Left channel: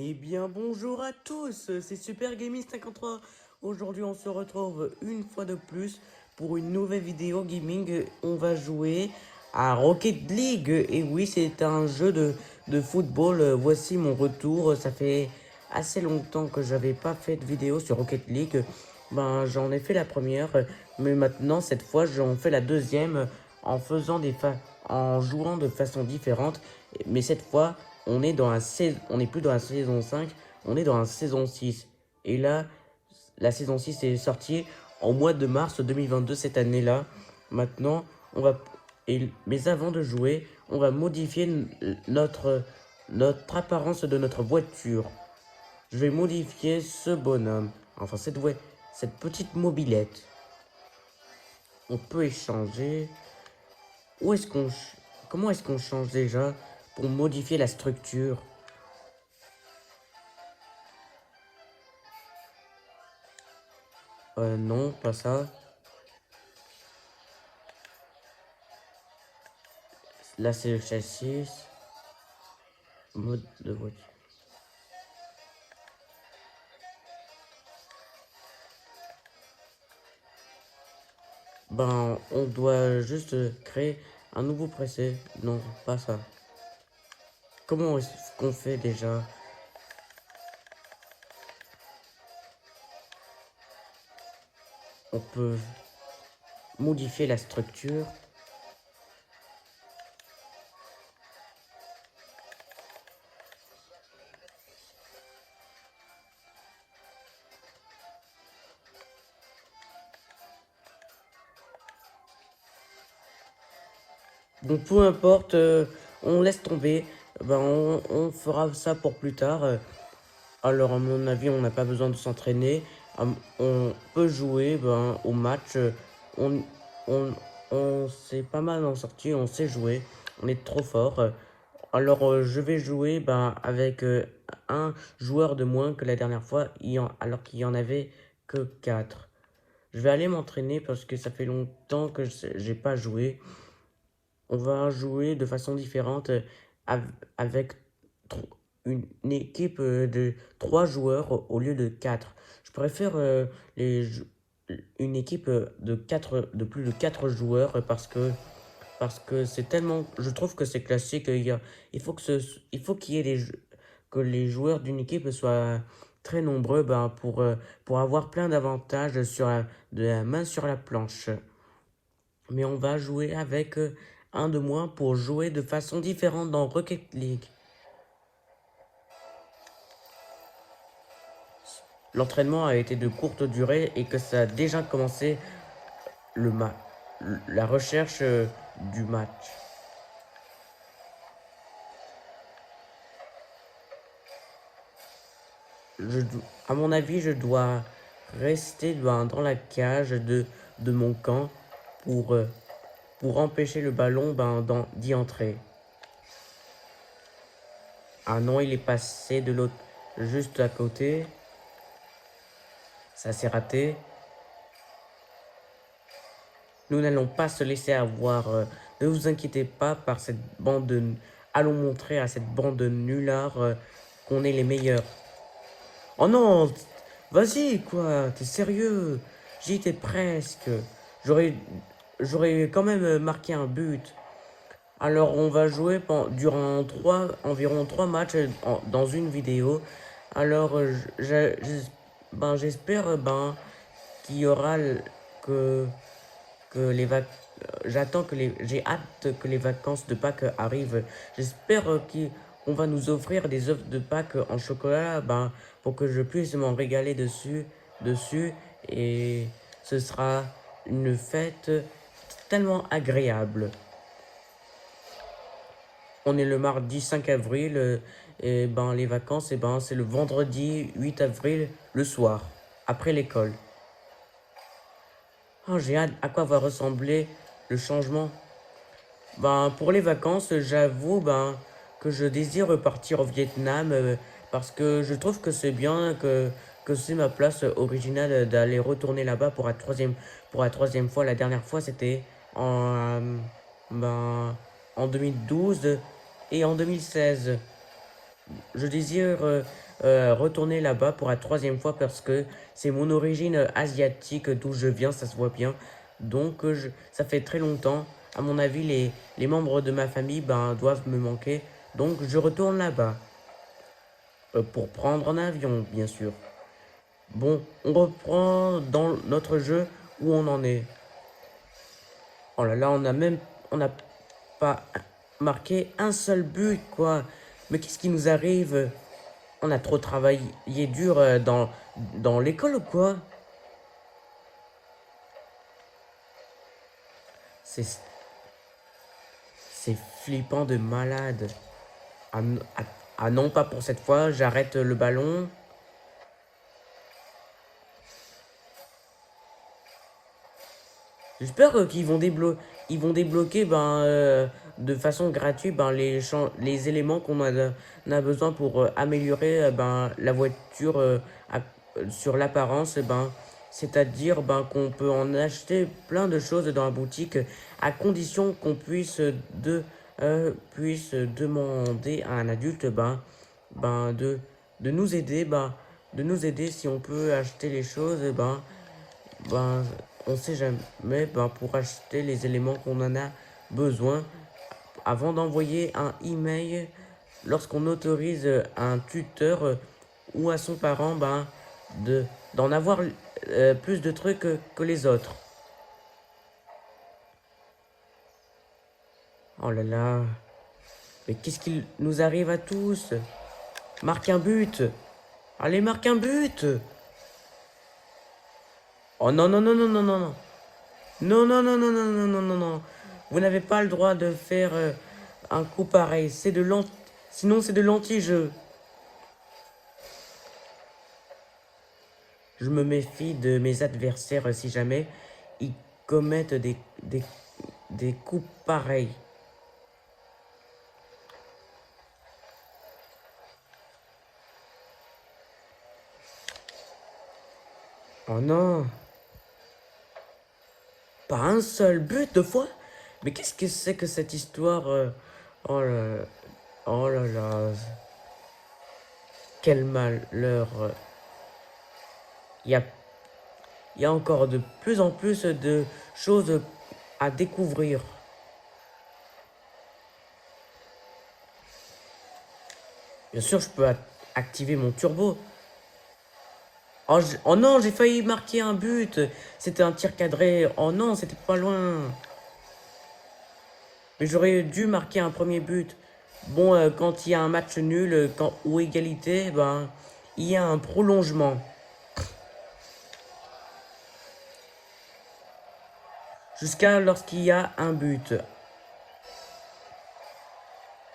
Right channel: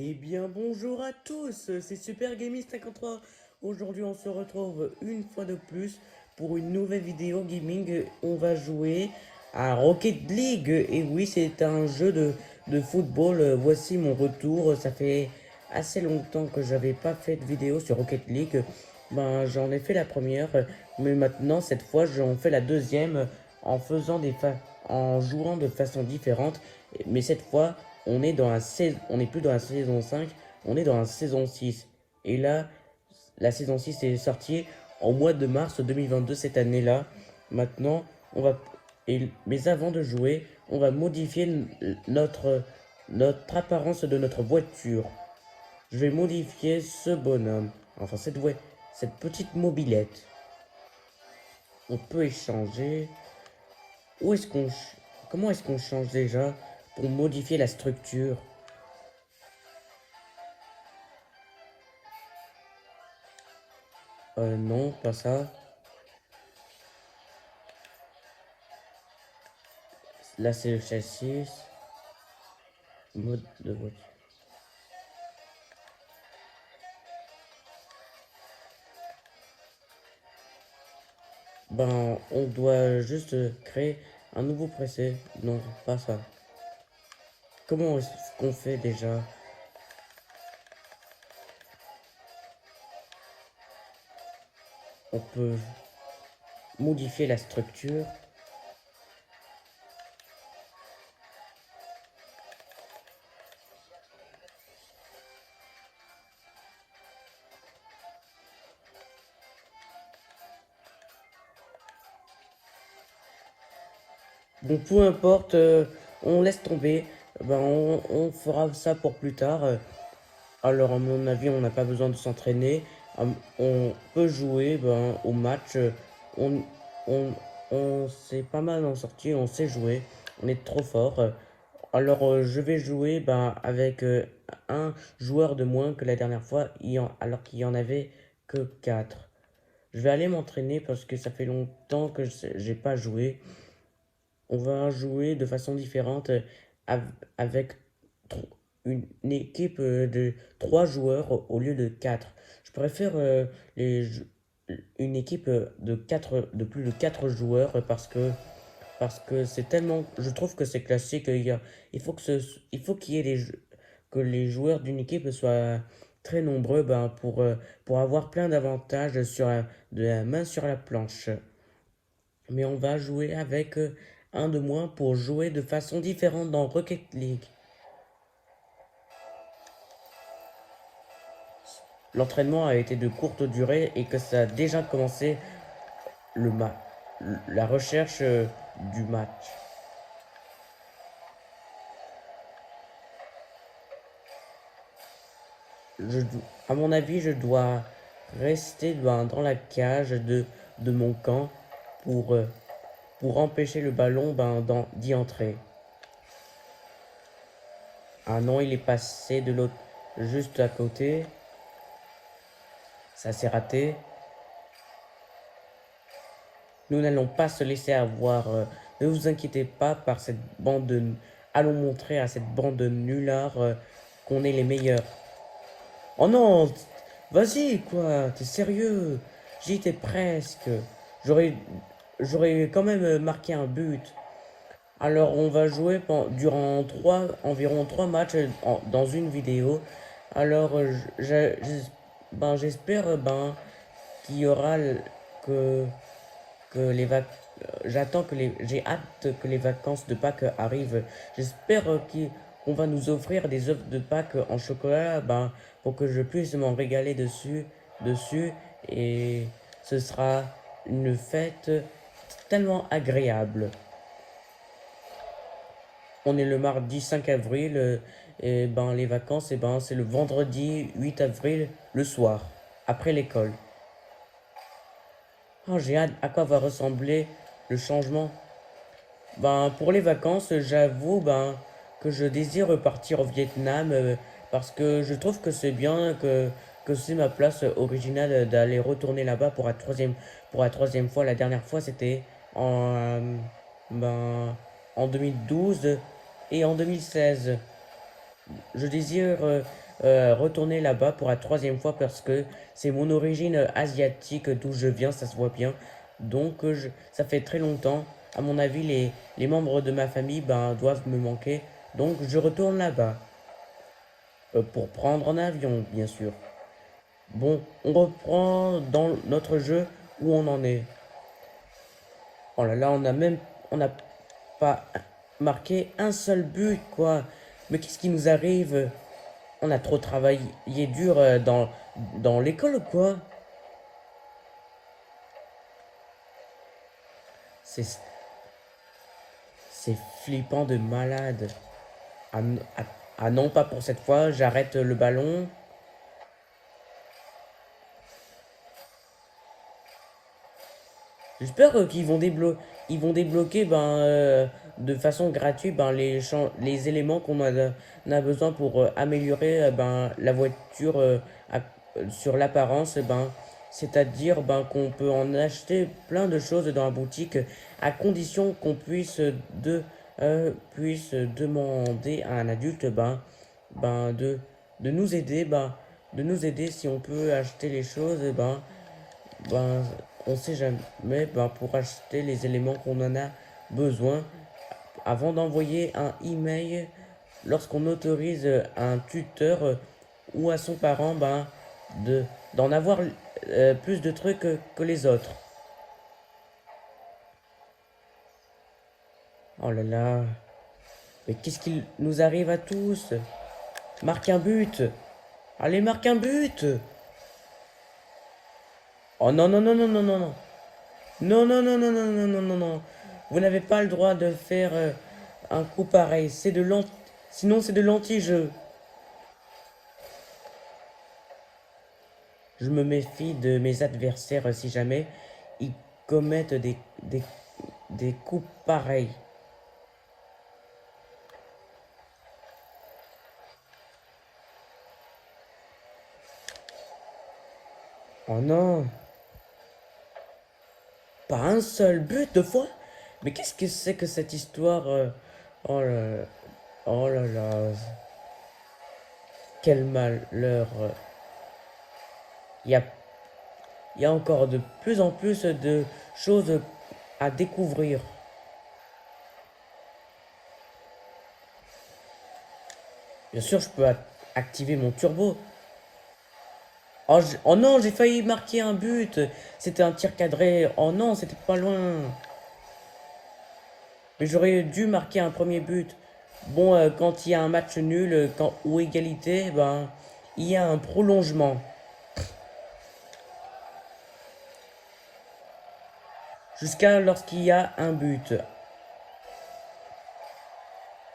Eh bien bonjour à tous, c'est Super Gaming 53. Aujourd'hui on se retrouve une fois de plus pour une nouvelle vidéo gaming. On va jouer à Rocket League. Et oui, c'est un jeu de football. Voici mon retour. Ça fait assez longtemps que j'avais pas fait de vidéo sur Rocket League. Ben j'en ai fait la première, mais maintenant cette fois j'en fais la deuxième en faisant en jouant de façon différente. Mais cette fois on n'est plus dans la saison 5, on est dans la saison 6. Et là, la saison 6 est sortie au mois de mars 2022 cette année-là. Maintenant, on va mais avant de jouer, on va modifier notre apparence de notre voiture. Je vais modifier ce bonhomme, enfin cette petite mobilette. On peut échanger. Où est-ce qu'on Comment est-ce qu'on change déjà pour modifier la structure? Non, pas ça. Là, c'est le châssis. Mode de voiture. Ben, on doit juste créer un nouveau preset. Non, pas ça. Comment est-ce qu'on fait déjà? On peut modifier la structure. Donc, peu importe, on laisse tomber. Ben, on fera ça pour plus tard. Alors, à mon avis, on n'a pas besoin de s'entraîner. On peut jouer au match. On, on, on sait pas mal en sortie, on sait jouer. On est trop fort. Alors, je vais jouer avec un joueur de moins que la dernière fois, alors qu'il y en avait que 4. Je vais aller m'entraîner parce que ça fait longtemps que j'ai pas joué. On va jouer de façon différente avec une équipe de 3 joueurs au lieu de 4. Je préfère une équipe de plus de 4 joueurs parce que c'est tellement, je trouve que c'est classique. Il faut qu'il y ait que les joueurs d'une équipe soient très nombreux pour avoir plein d'avantages de la main sur la planche. Mais on va jouer avec un de moins pour jouer de façon différente dans Rocket League. L'entraînement a été de courte durée et que ça a déjà commencé le ma la recherche du match. À mon avis, je dois rester dans la cage de mon camp pour, euh, pour empêcher le ballon d'y entrer. Ah non, il est passé de l'autre, juste à côté. Ça s'est raté. Nous n'allons pas se laisser avoir. Ne vous inquiétez pas par cette bande de... Allons montrer à cette bande de nullards qu'on est les meilleurs. Oh non! Vas-y, quoi! T'es sérieux? J'y étais presque. J'aurais... J'aurais quand même marqué un but. Alors, on va jouer durant environ 3 matchs dans une vidéo. Alors, j'espère qu'il y aura que que les vac... J'ai hâte que les vacances de Pâques arrivent. J'espère qu'on va nous offrir des œufs de Pâques en chocolat, pour que je puisse m'en régaler dessus, et ce sera une fête tellement agréable. On est le mardi 5 avril, et les vacances, c'est le vendredi 8 avril, le soir, après l'école. Oh, j'ai hâte à quoi va ressembler le changement. Pour les vacances, j'avoue que je désire repartir au Vietnam parce que je trouve que c'est bien que c'est ma place originale d'aller retourner là-bas pour la troisième fois. La dernière fois, c'était ben, en 2012 et en 2016. je désire retourner là-bas pour la troisième fois parce que c'est mon origine asiatique d'où je viens, ça se voit bien. Donc ça fait très longtemps. À mon avis, les membres de ma famille ben, doivent me manquer. Donc je retourne là-bas. Pour prendre un avion, bien sûr. Bon, on reprend dans notre jeu où on en est. Oh là là, on n'a pas marqué un seul but, quoi. Mais qu'est-ce qui nous arrive? On a trop travaillé dur dans l'école ou quoi? C'est c'est flippant de malade. Ah, ah non, pas pour cette fois, j'arrête le ballon. J'espère ils vont débloquer de façon gratuite ben, les éléments on a besoin pour améliorer ben, la voiture sur l'apparence. Ben, c'est-à-dire ben, qu'on peut en acheter plein de choses dans la boutique à condition qu'on puisse demander à un adulte ben, de nous aider. De nous aider si on peut acheter les choses. Ben, on sait jamais pour acheter les éléments qu'on en a besoin avant d'envoyer un email lorsqu'on autorise un tuteur ou à son parent d'en avoir plus de trucs que les autres. Oh là là, mais qu'est-ce qu'il nous arrive à tous? Marque un but. Allez, marque un but. Oh non, non, non, non, non, non, non. Non, non, non, non, non, non, non, non, non. Vous n'avez pas le droit de faire un coup pareil. Sinon, c'est de l'anti-jeu. Je me méfie de mes adversaires si jamais ils commettent des coups pareils. Oh non. Pas un seul but de fois. Mais qu'est-ce que c'est que cette histoire oh là, oh là là. Quel malheur. Il y a, il y a encore de plus en plus de choses à découvrir. Bien sûr, je peux activer mon turbo. Oh, oh non, j'ai failli marquer un but. C'était un tir cadré. Oh non, c'était pas loin. Mais j'aurais dû marquer un premier but. Bon, quand il y a un match nul ou égalité, ben, il y a un prolongement. Jusqu'à lorsqu'il y a un but.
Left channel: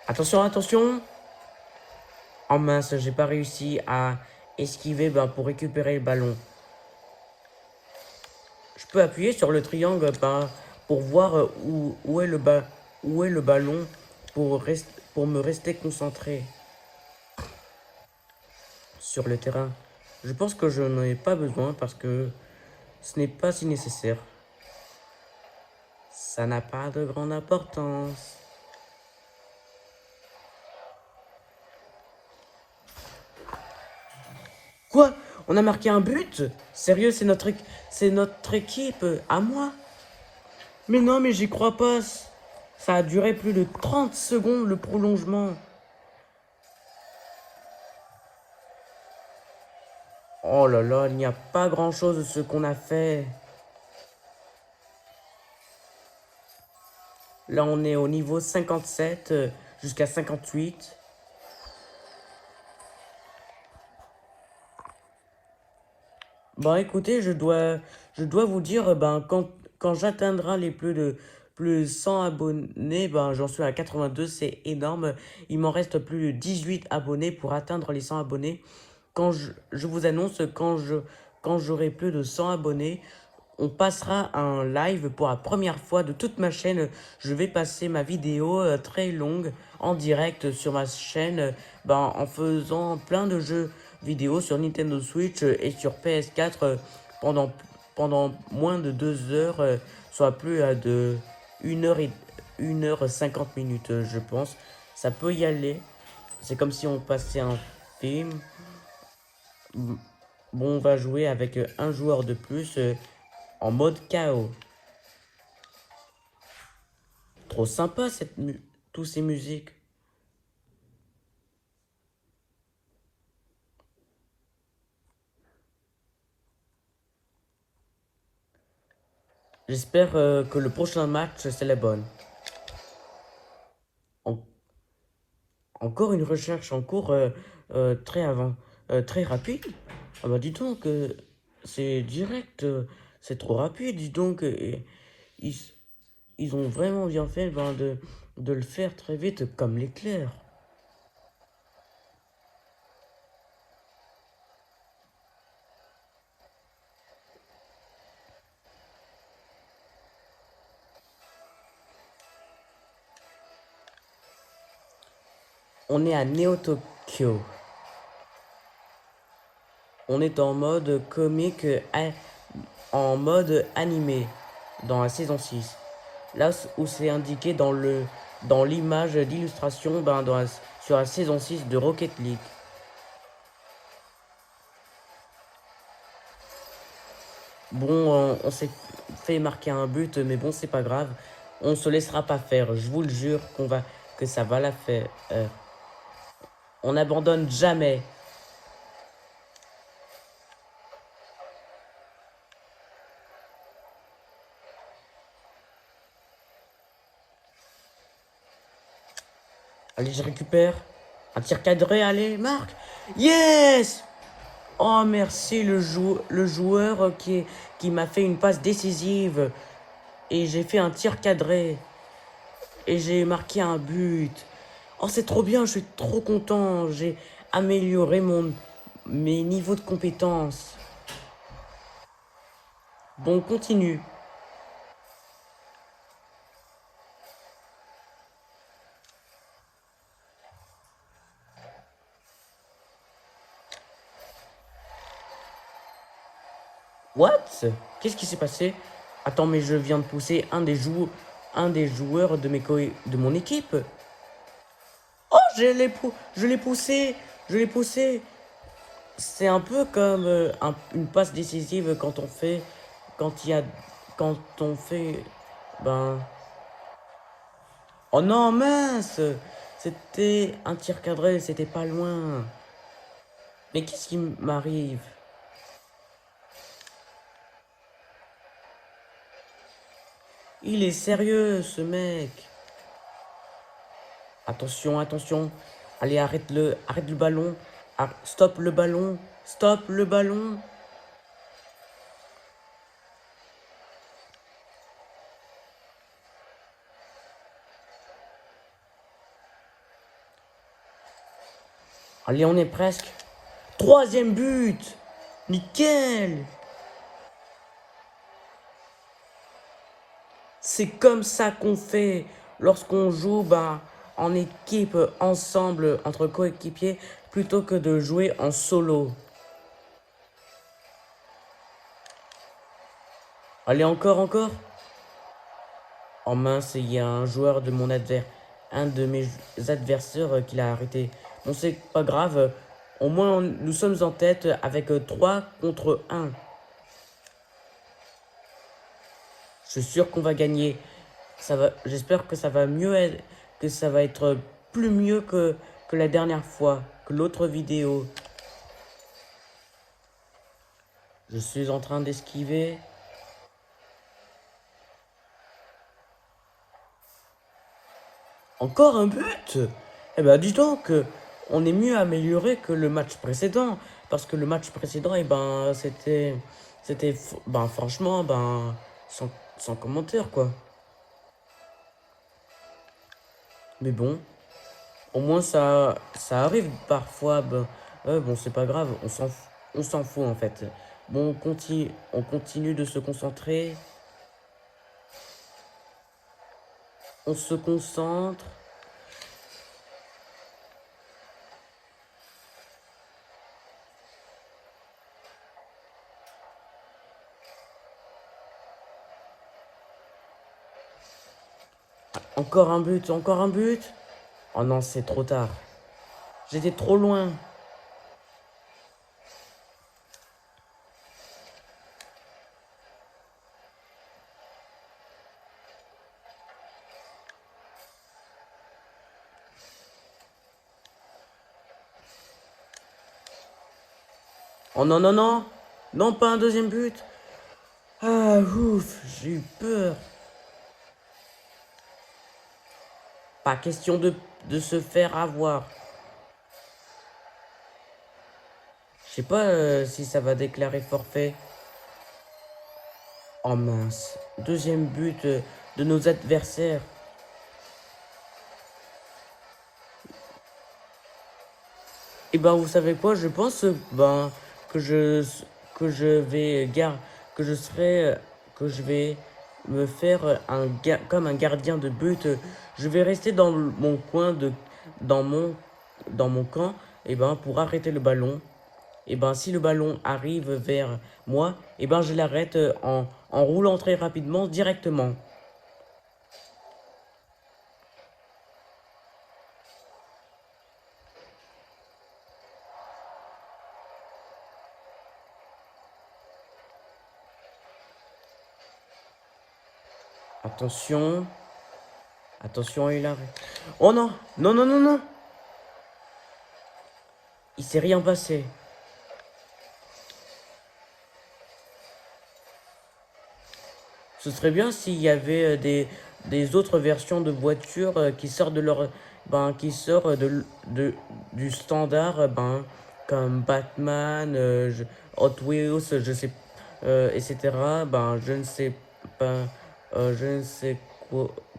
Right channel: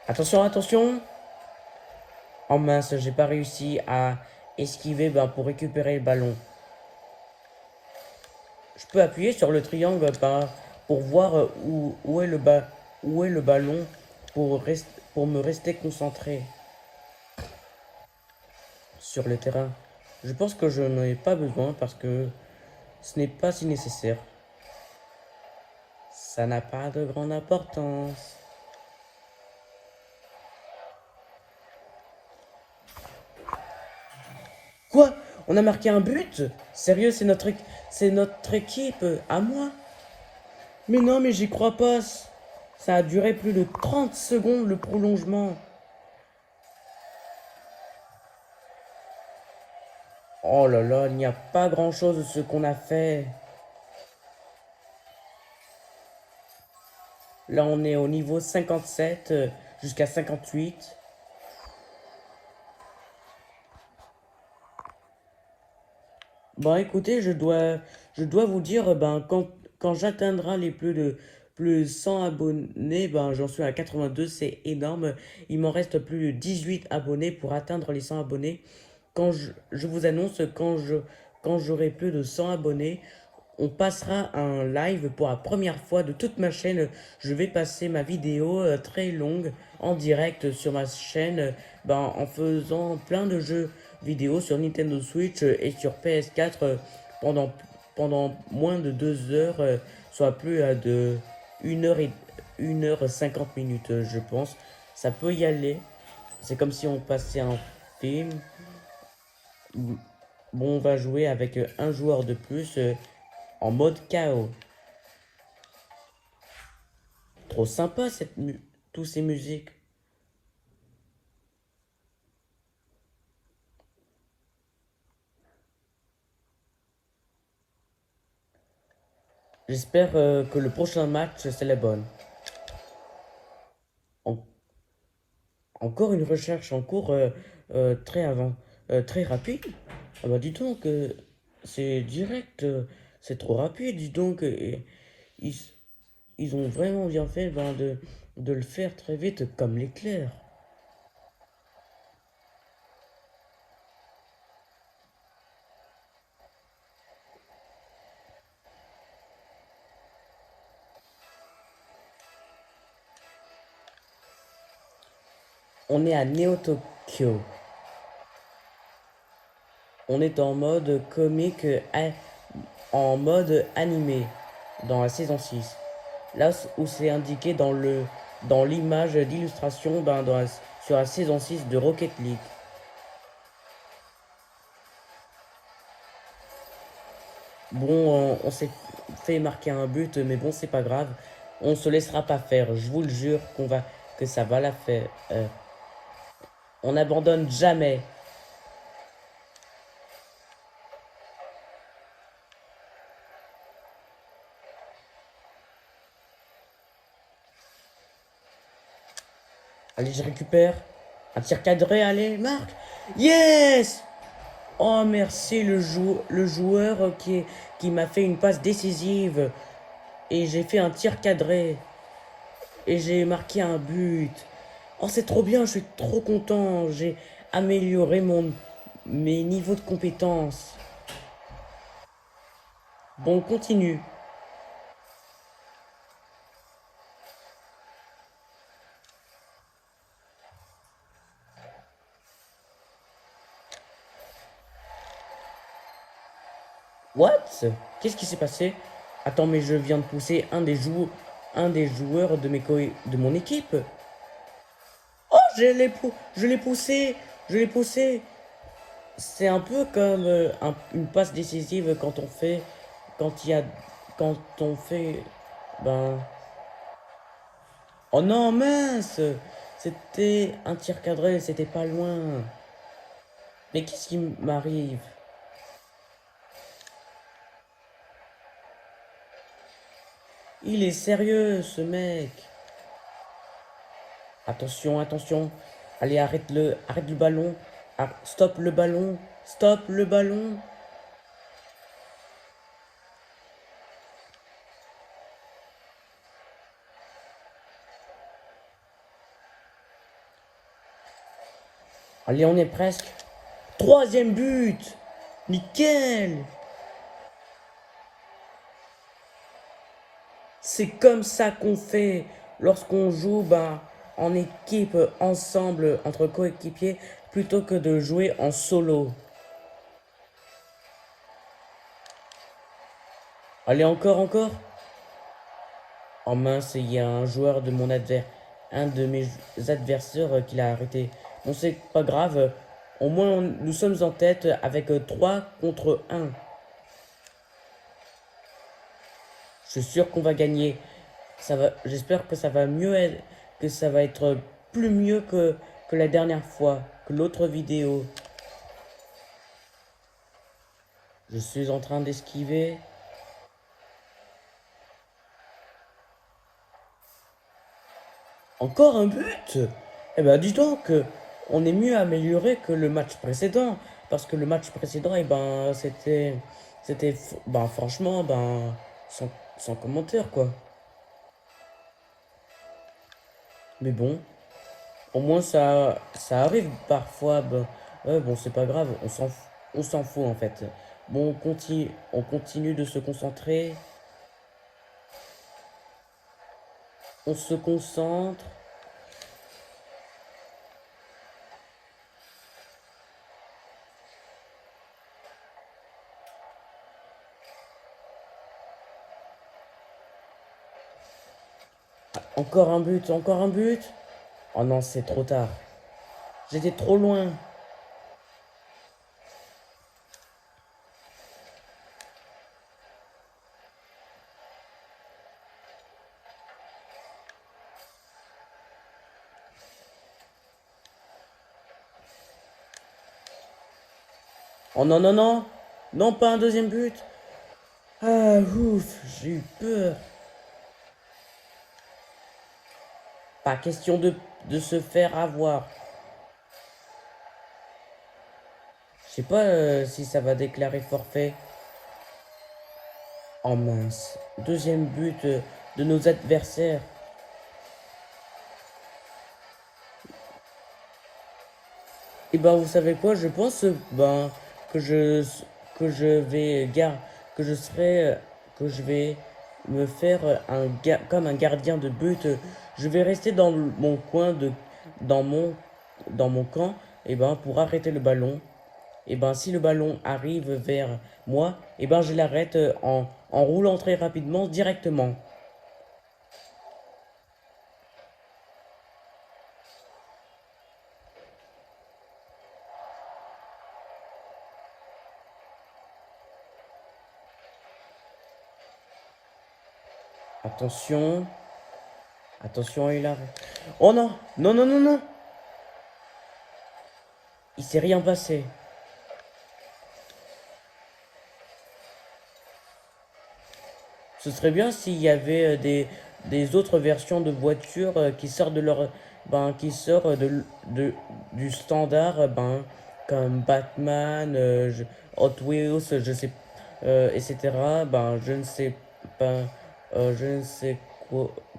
Attention, attention. Oh mince, j'ai pas réussi à esquiver pour récupérer le ballon. Je peux appuyer sur le triangle pour voir où est où est le ballon pour me rester concentré sur le terrain. Je pense que je n'en ai pas besoin parce que ce n'est pas si nécessaire. Ça n'a pas de grande importance. Quoi? On a marqué un but? Sérieux, c'est notre équipe à moi? Mais non, mais j'y crois pas. Ça a duré plus de 30 secondes le prolongement. Oh là là, il n'y a pas grand-chose de ce qu'on a fait. Là, on est au niveau 57 jusqu'à 58. Bon, écoutez, je dois vous dire, quand j'atteindrai les plus 100 abonnés, j'en suis à 82, c'est énorme. Il m'en reste plus de 18 abonnés pour atteindre les 100 abonnés. Je vous annonce, quand j'aurai plus de 100 abonnés, on passera un live pour la première fois de toute ma chaîne. Je vais passer ma vidéo très longue en direct sur ma chaîne en faisant plein de jeux vidéo sur Nintendo Switch et sur PS4 pendant moins de 2 heures, soit plus à de 1 heure et 1 heure 50 minutes, je pense. Ça peut y aller. C'est comme si on passait un film. Bon, on va jouer avec un joueur de plus en mode KO. Trop sympa tous ces musiques. J'espère que le prochain match c'est la bonne. En- Encore une recherche en cours très rapide. Ah bah dis donc, c'est direct, c'est trop rapide, dis donc. Et ils, ils ont vraiment bien fait ben, de le faire très vite comme l'éclair. On est à Neo Tokyo. On est en mode comique, en mode animé dans la saison 6. Là où c'est indiqué dans l'image d'illustration sur la saison 6 de Rocket League. Bon, on s'est fait marquer un but, mais bon, c'est pas grave. On se laissera pas faire. Je vous le jure que ça va la faire. On n'abandonne jamais. Allez, je récupère. Un tir cadré, allez, marque. Yes! Oh, merci le joueur qui m'a fait une passe décisive. Et j'ai fait un tir cadré. Et j'ai marqué un but. Oh, c'est trop bien, je suis trop content. J'ai amélioré mes niveaux de compétences. Bon, on continue. What? Qu'est-ce qui s'est passé? Attends, mais je viens de pousser un des joueurs de mon équipe. Oh, je l'ai poussé. Je l'ai poussé. C'est un peu comme une passe décisive quand il y a, quand on fait, ben, oh non, mince! C'était un tir cadré, c'était pas loin. Mais qu'est-ce qui m'arrive? Il est sérieux, ce mec. Attention, attention. Allez, arrête le ballon. Stop le ballon. Stop le ballon. Allez, on est presque. Troisième but. Nickel. C'est comme ça qu'on fait lorsqu'on joue en équipe, ensemble, entre coéquipiers, plutôt que de jouer en solo. Allez, encore, encore. Oh mince, il y a un de mes adversaires qui l'a arrêté. Bon, c'est pas grave. Au moins, nous sommes en tête avec 3 contre 1. Je suis sûr qu'on va gagner. J'espère que ça va que ça va être plus mieux que la dernière fois, que l'autre vidéo. Je suis en train d'esquiver. Encore un but? Eh ben, dis donc, on est mieux amélioré que le match précédent. Parce que le match précédent, eh ben, ben, franchement, ben, sans commentaire, quoi. Mais bon, au moins, ça arrive parfois. Ben, bon, c'est pas grave, on s'en fout, en fait. Bon, on continue de se concentrer. On se concentre. Encore un but, encore un but. Oh non, c'est trop tard. J'étais trop loin. Oh non, non, non. Non, pas un deuxième but. Ah, ouf, j'ai eu peur. Pas question de se faire avoir. Je sais pas si ça va déclarer forfait. Oh mince. Deuxième but de nos adversaires. Et ben vous savez quoi, je pense ben que je vais que je serai que je vais me faire comme un gardien de but. Je vais rester dans mon coin dans mon dans mon camp et ben pour arrêter le ballon. Et ben si le ballon arrive vers moi, et ben je l'arrête en roulant très rapidement directement. Attention, attention, il arrête. Oh non, non, non, non, non. Il s'est rien passé. Ce serait bien s'il y avait des autres versions de voitures qui sortent de leur qui sortent du standard comme Batman, Hot Wheels, je sais etc. Je ne sais pas je ne sais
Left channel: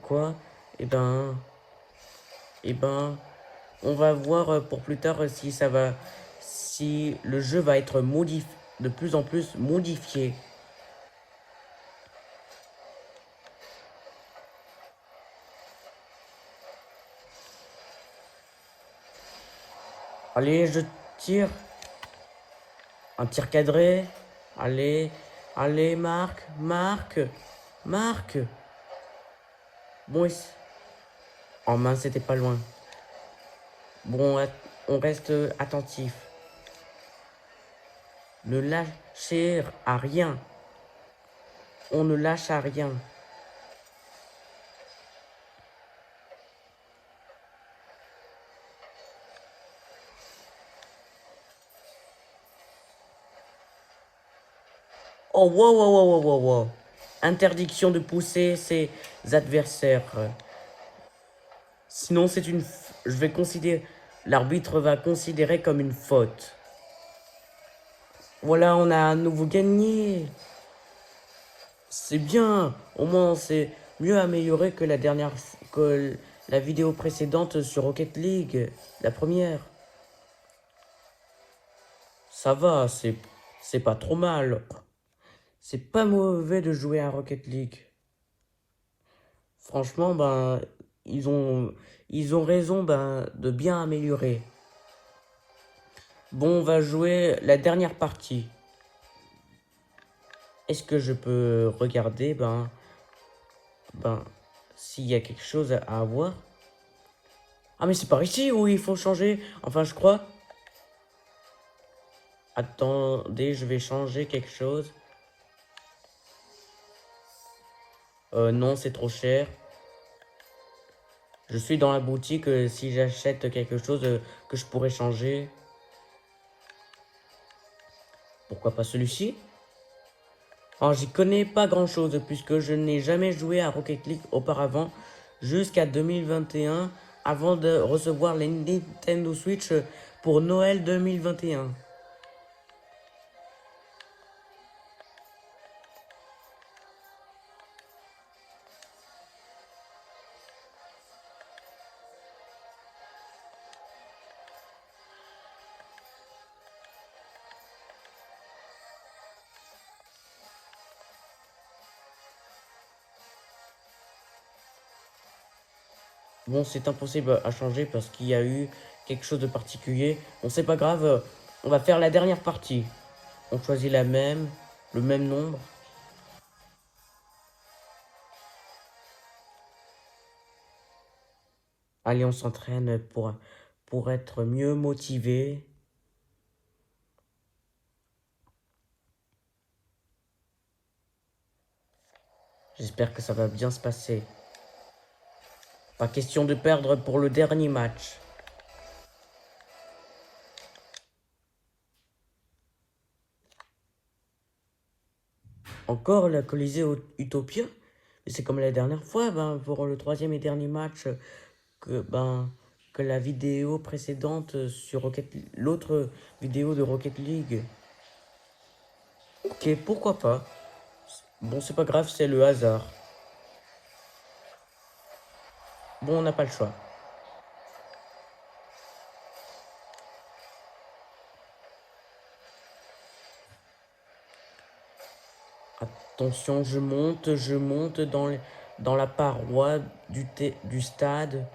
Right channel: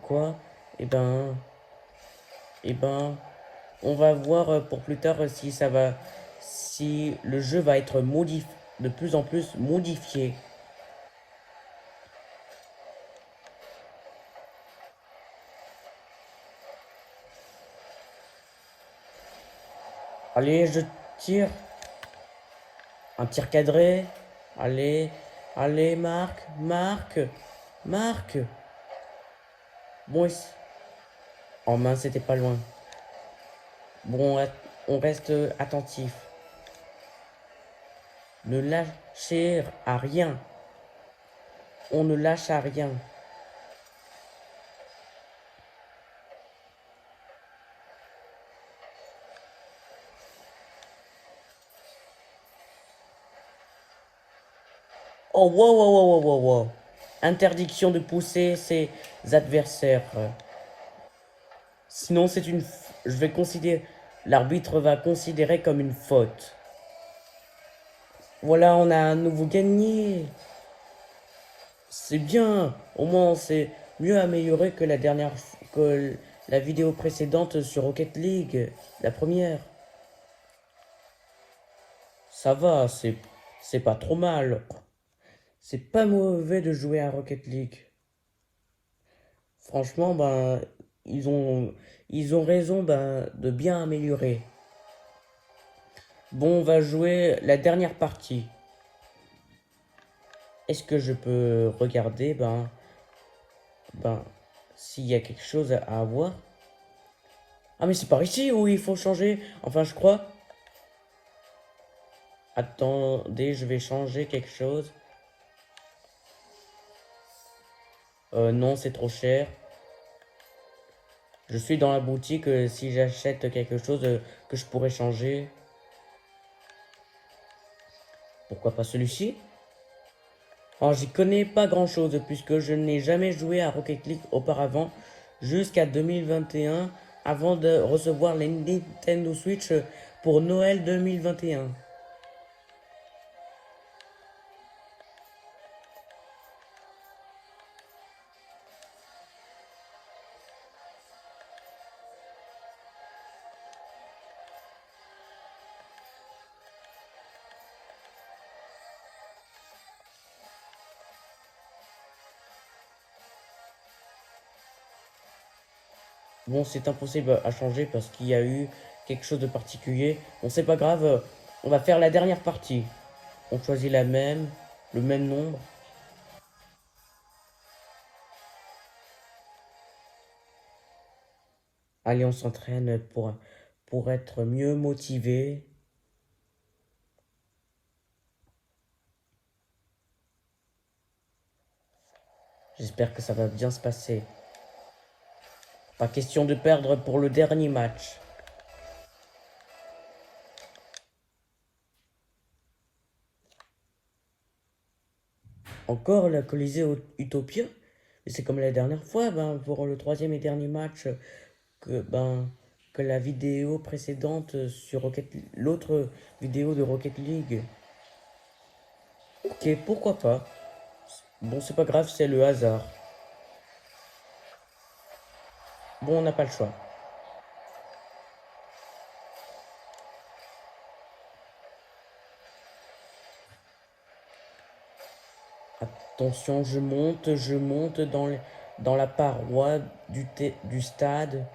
quoi et et ben on va voir pour plus tard si ça va si le jeu va être de plus en plus modifié. Allez, je tire. Un tir cadré. Allez, allez, marque, marque, marque. Bon, oh mince, c'était pas loin. Bon, on reste attentif. Ne lâchez à rien. On ne lâche à rien. Oh, wow, wow, wow, wow, wow, wow. Interdiction de pousser ses adversaires. Sinon, c'est une... Je vais considérer... L'arbitre va considérer comme une faute. Voilà, on a un nouveau gagné. C'est bien. Au moins, c'est mieux amélioré que que la vidéo précédente sur Rocket League, la première. Ça va, c'est pas trop mal. C'est pas mauvais de jouer à Rocket League. Franchement, ils ont, ils ont raison, de bien améliorer. Bon, on va jouer la dernière partie. Est-ce que je peux regarder, ben, s'il y a quelque chose à avoir? Ah, mais c'est par ici où il faut changer. Enfin, je crois. Attendez, je vais changer quelque chose. Non, c'est trop cher. Je suis dans la boutique si j'achète quelque chose que je pourrais changer. Pourquoi pas celui-ci? Oh, j'y connais pas grand-chose puisque je n'ai jamais joué à Rocket League auparavant jusqu'à 2021 avant de recevoir les Nintendo Switch pour Noël 2021. Bon, c'est impossible à changer parce qu'il y a eu quelque chose de particulier. Bon, c'est pas grave, on va faire la dernière partie. On choisit le même nombre. Allez, on s'entraîne pour être mieux motivé. J'espère que ça va bien se passer. Pas question de perdre pour le dernier match. Encore la Colisée Utopia. Mais c'est comme la dernière fois, pour le troisième et dernier match, que la vidéo précédente sur l'autre vidéo de Rocket League. Ok, pourquoi pas. Bon, c'est pas grave, c'est le hasard. Bon, on n'a pas le choix. Attention, je monte dans la paroi du stade.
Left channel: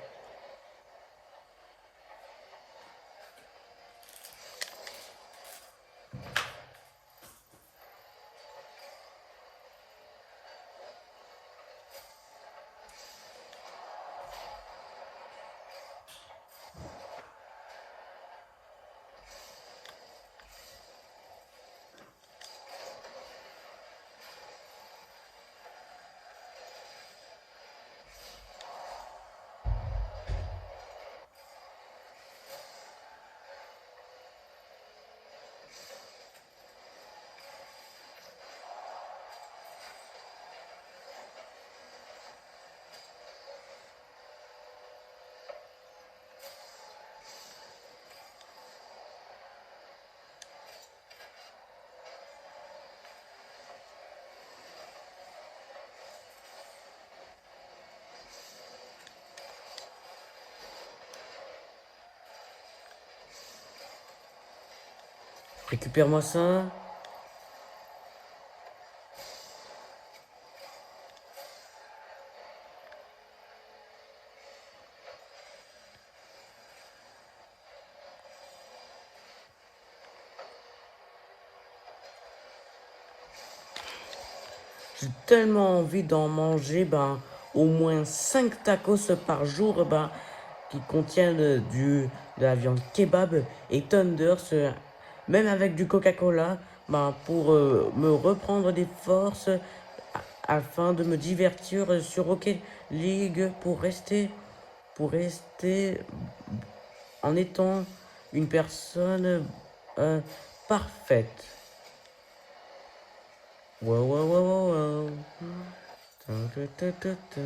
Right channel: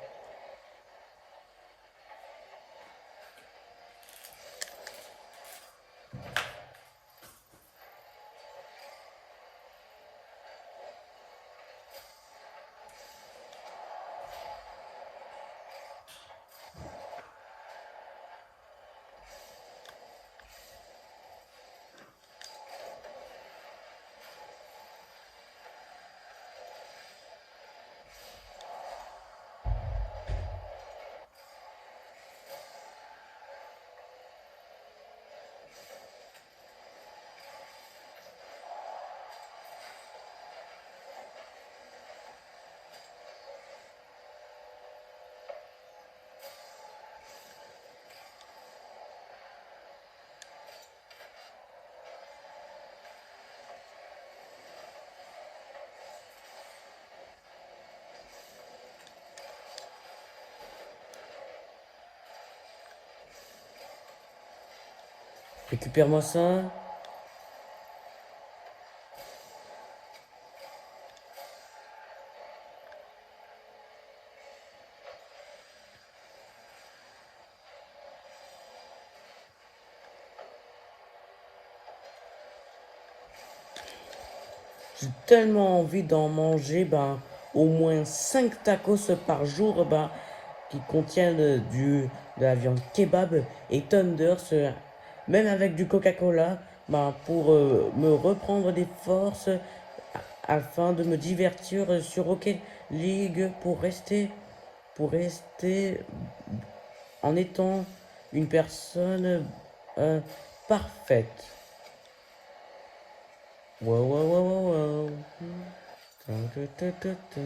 Récupère-moi ça. J'ai tellement envie d'en manger, au moins 5 tacos par jour, qui contiennent de la viande kebab et Thunders, même avec du Coca-Cola, pour me reprendre des forces afin de me divertir sur Rocket League pour rester en étant une personne parfaite. Wow, wow, wow, wow, wow. Ta, ta, ta, ta, ta.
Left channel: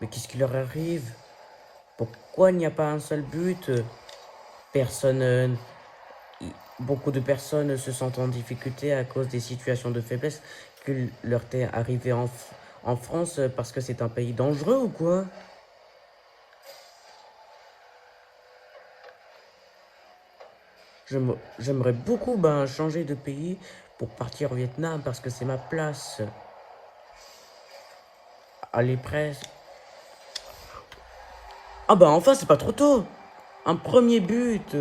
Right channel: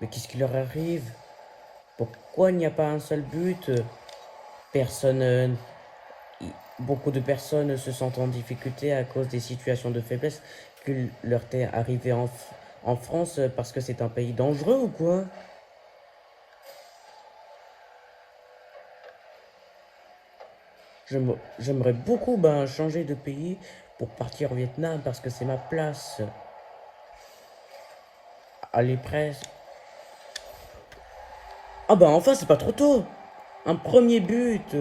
Mais qu'est-ce qui leur arrive? Pourquoi il n'y a pas un seul but? Personne, beaucoup de personnes se sentent en difficulté à cause des situations de faiblesse que leur est arrivé en France parce que c'est un pays dangereux ou quoi? J'aimerais beaucoup changer de pays pour partir au Vietnam parce que c'est ma place. Allez, presque. Ah enfin, c'est pas trop tôt. Un premier but.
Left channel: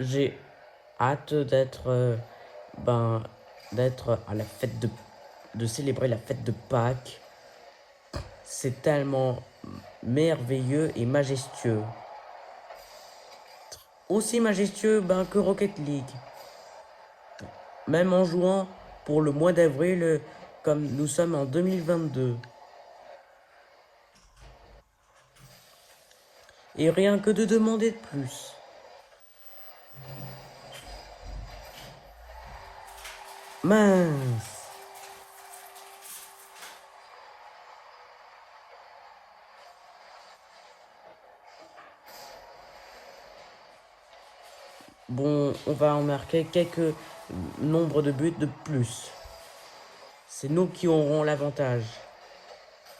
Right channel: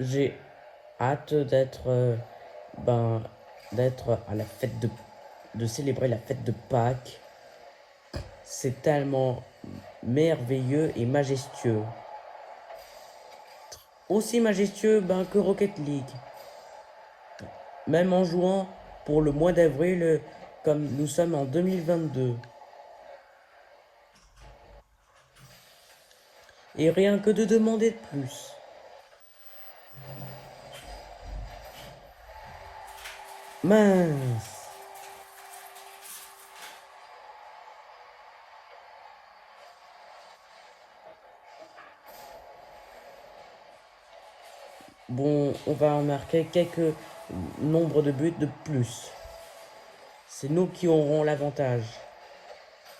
J'ai hâte d'être à la fête de célébrer la fête de Pâques. C'est tellement merveilleux et majestueux. Aussi majestueux que Rocket League. Même en jouant pour le mois d'avril, comme nous sommes en 2022. Et rien que de demander de plus. Mince. Bon, on va en marquer quelques nombres de buts de plus. C'est nous qui aurons l'avantage.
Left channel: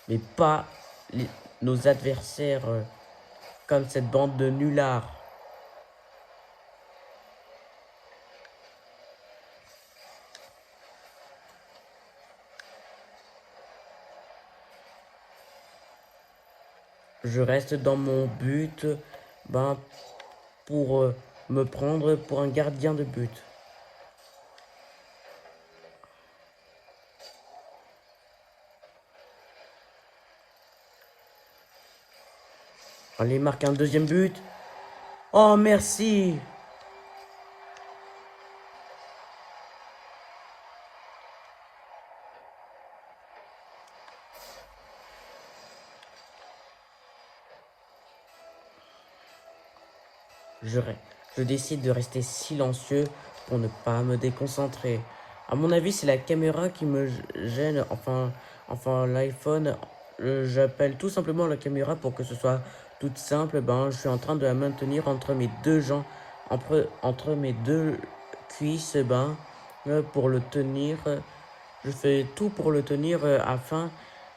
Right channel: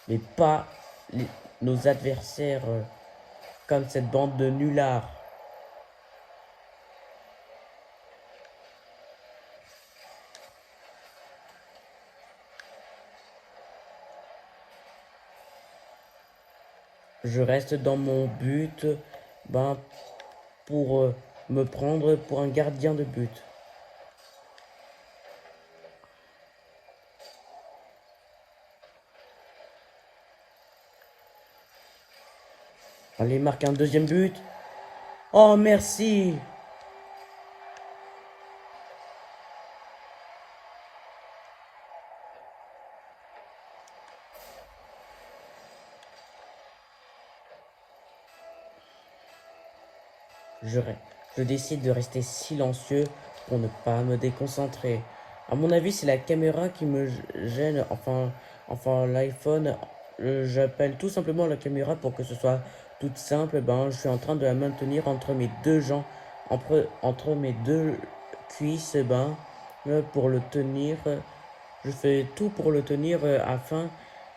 Mais pas nos adversaires comme cette bande de nullards. je reste dans mon but, ben, pour me prendre pour un gardien de but. Allez, marque un deuxième but. Oh, merci. Je décide de rester silencieux pour ne pas me déconcentrer. À mon avis, c'est la caméra qui me gêne. Enfin l'iPhone, j'appelle tout simplement la caméra pour que ce soit toute simple. Ben, je suis en train de la maintenir entre mes deux jambes, entre mes deux cuisses, ben, pour le tenir. Je fais tout pour le tenir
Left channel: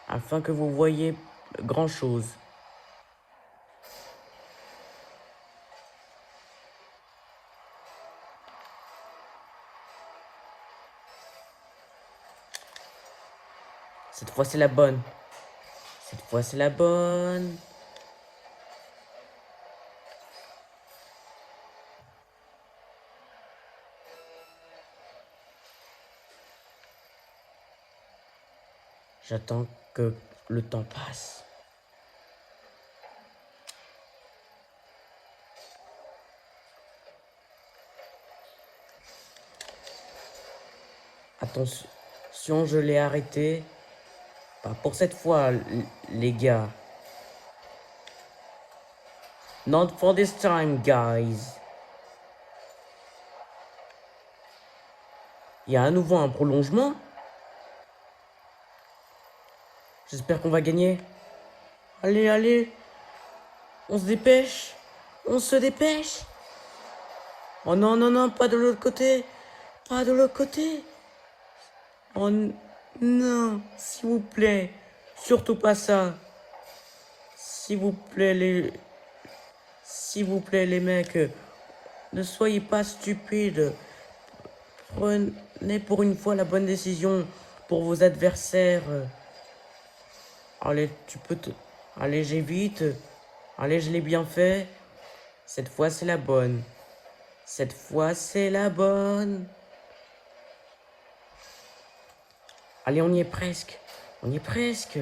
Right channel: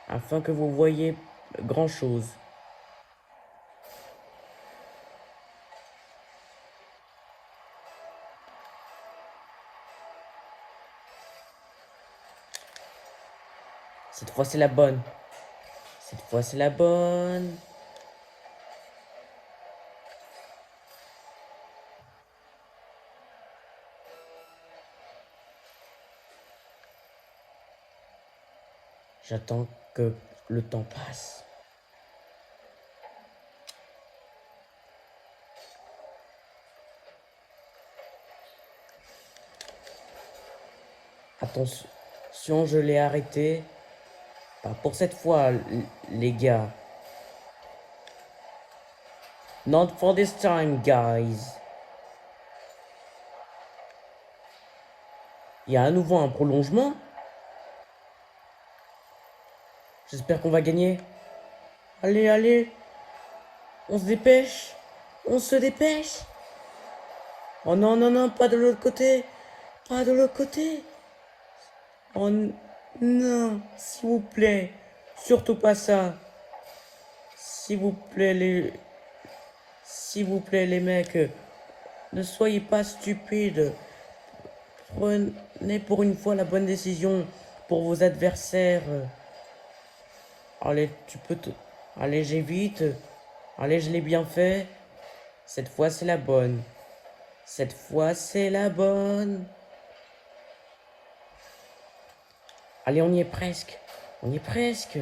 afin que vous voyez grand chose. Cette fois, c'est la bonne. Cette fois, c'est la bonne. J'attends que le temps passe. Attention, je l'ai arrêté. Pas pour cette fois, les gars. Not for this time, guys. Il y a à nouveau un prolongement. J'espère qu'on va gagner. Allez, allez. On se dépêche. On se dépêche. Oh non, non, non, pas de l'autre côté. Pas de l'autre côté. Oh non, s'il vous plaît. Surtout pas ça. S'il vous plaît, les mecs. Ne soyez pas stupides. Prenez pour une fois la bonne décision pour vos adversaires. Allez, tu peux tout. Allez, j'évite. Allez, je l'ai bien fait. Cette fois, c'est la bonne. Cette fois, c'est la bonne. Allez, on y est presque. On y est presque.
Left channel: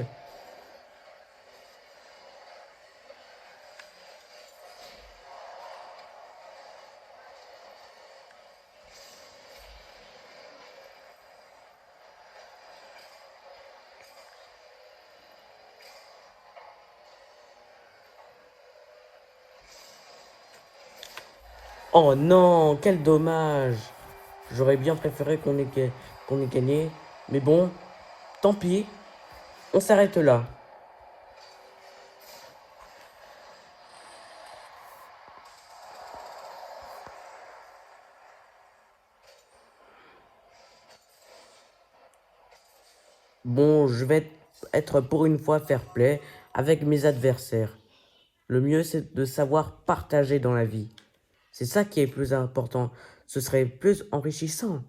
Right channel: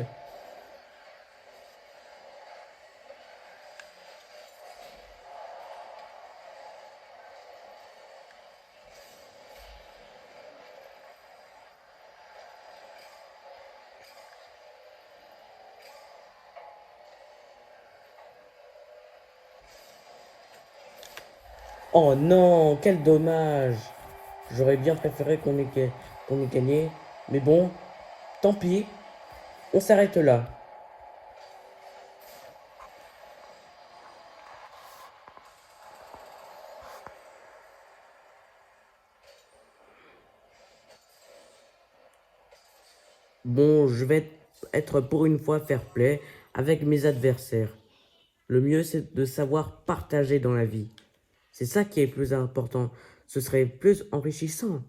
Oh non, quel dommage. J'aurais bien préféré qu'on ait gagné. Mais bon, tant pis. On s'arrête là. Bon, je vais être pour une fois fair play avec mes adversaires. Le mieux, c'est de savoir partager dans la vie. C'est ça qui est plus important. Ce serait plus enrichissant.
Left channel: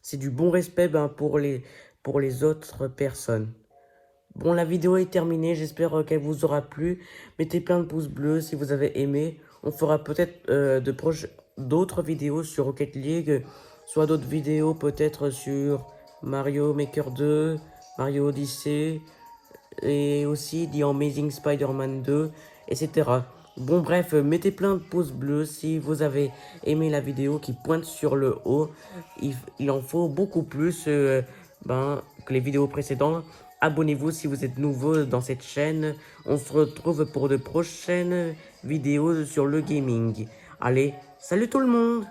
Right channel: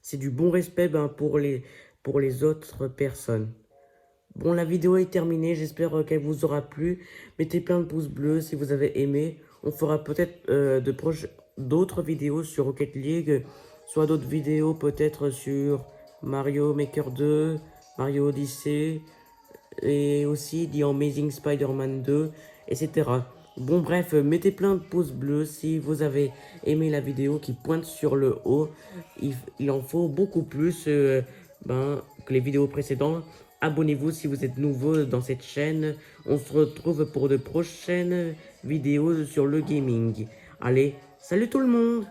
C'est du bon respect pour les autres personnes. Bon, la vidéo est terminée. J'espère qu'elle vous aura plu. Mettez plein de pouces bleus si vous avez aimé. On fera peut-être d'autres vidéos sur Rocket League. Soit d'autres vidéos peut-être sur Mario Maker 2, Mario Odyssey. Et aussi The Amazing Spider-Man 2, etc. Bon bref, mettez plein de pouces bleus si vous avez aimé la vidéo qui pointe sur le haut. Il en faut beaucoup plus que les vidéos précédentes. Abonnez-vous si vous êtes nouveau dans cette chaîne. On se retrouve pour de prochaines vidéos sur le gaming. Allez, salut tout le monde!